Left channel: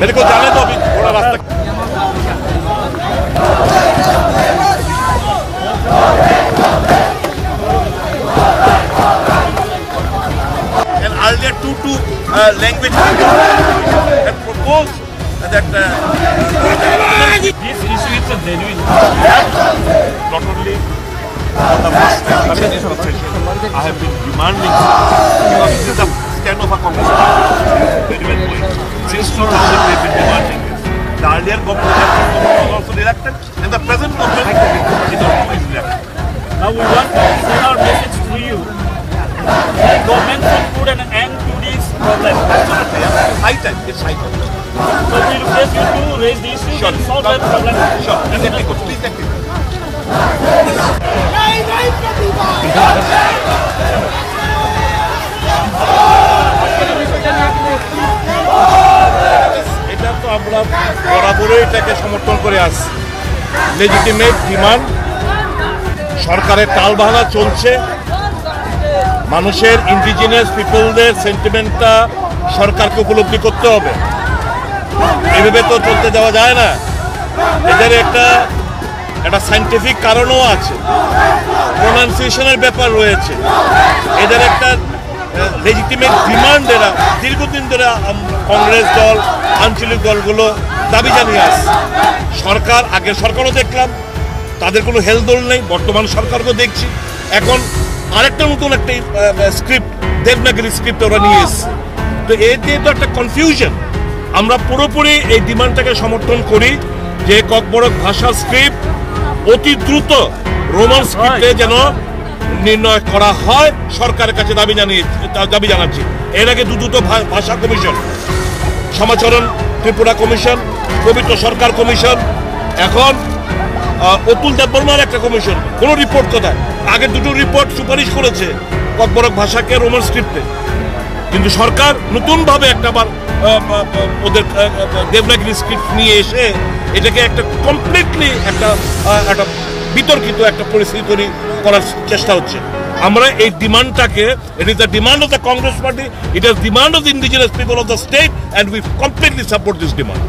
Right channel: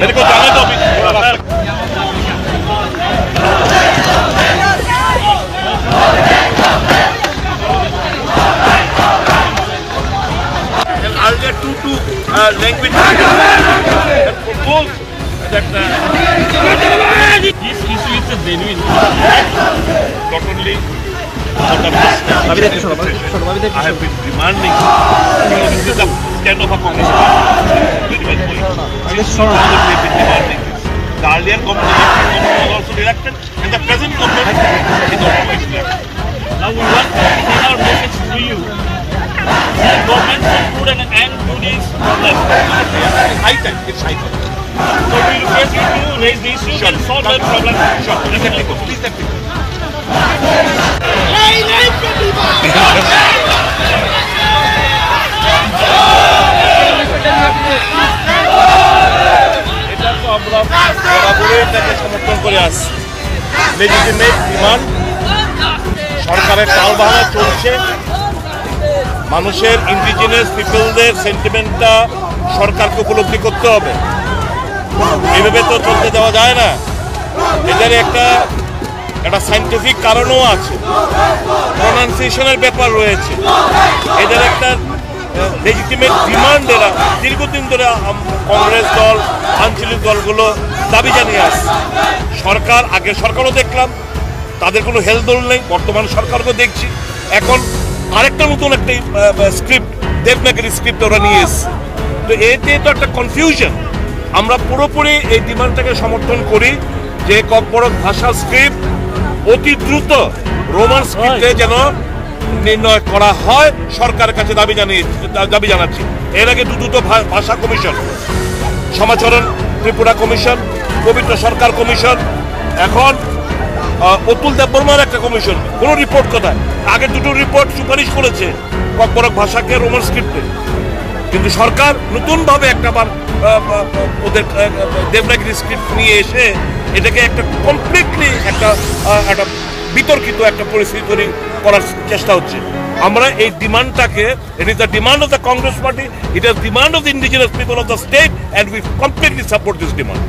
मेरे को जाने दो अभी थोड़ा रास्ता। Earlier two language and propose that this issue is a genuine. not only for the first time I have been demanding, because this is the kind of a Congress party very well going. Since 2000 we have been demanding this. The earlier government was also elected, and the present government is also elected. Now we want to send our message to you. The government should put an end to this problem. High time, it's high time. So we request you to raise the issue and solve that problem. Sure, please let me go. Please let me go. এটা তো আমরা বরাবরই এটাকে সমর্থন করে আসছি। Legitimate demand, সরকারের টালবাহানা চলছে, মানুষের ইন্ডিজিনাস পিপলদের সেন্টিমেন্টটা সরকারকে উপলব্ধি করতে হবে। এভাবে তো চলতে দেওয়া যায় না। এদের একটা সায়েন্টিফিক কারণও আছে, প্রোনাউন্সিয়েশনের ব্যাপার রয়েছে, এদের একটা লেজিটিমেট ডিমান্ড। এরা দীর্ঘদিন ধরে কংগ্রেস দল, আঞ্চলিক দলগুলো দাবি জানিয়ে আসছে। সরকার, আগের সরকারও দেখলাম তাদের কোনো হেলদোল নেই, বর্তমান সরকারকেও দেখছি। এখন আরেকটা নতুন একটা স্ক্রিপ্ট, দেবনাগরী স্ক্রিপ্ট ওরা নিয়ে এসছে। তো এতে তো একটা কনফিউশন। আমরা পুরোপুরি এই ডিমান্ডটাকে সমর্থন করি যে ককবরক ভাষা স্ক্রিপ্ট অতি দ্রুত রোমান স্ক্রিপ্টে যেন নির্ণয় করা হয়, সরকারের কাছে দাবি জানাচ্ছি। এর আগে দুটো ভাষা কমিশন, সমাচরণ ত্রিপুরা কমিশন, পবিত্র সরকার কমিশন, এখন অতুল দেববর্মার একটা কমিশন, কোনো রিপোর্ট কোথায়? আগে দুটো রিপোর্ট সুপারিশ করেছে ককবরক ভাষাকে রোমান স্ক্রিপ্টে, কিন্তু সরকার নতুনভাবে একটাবার ওদের দেবনাগরী স্ক্রিপ্ট নিয়ে এসে এটাকে একটা কমপ্লিটলি একটা বিতর্কিত একটা পরিস্থিতি তৈরি করার চেষ্টা হচ্ছে। আমরা এই ডিমান্ডটাকে, it is the demand of the Congress party, it is demand of the indigenous people of the state, and we completely support this demand.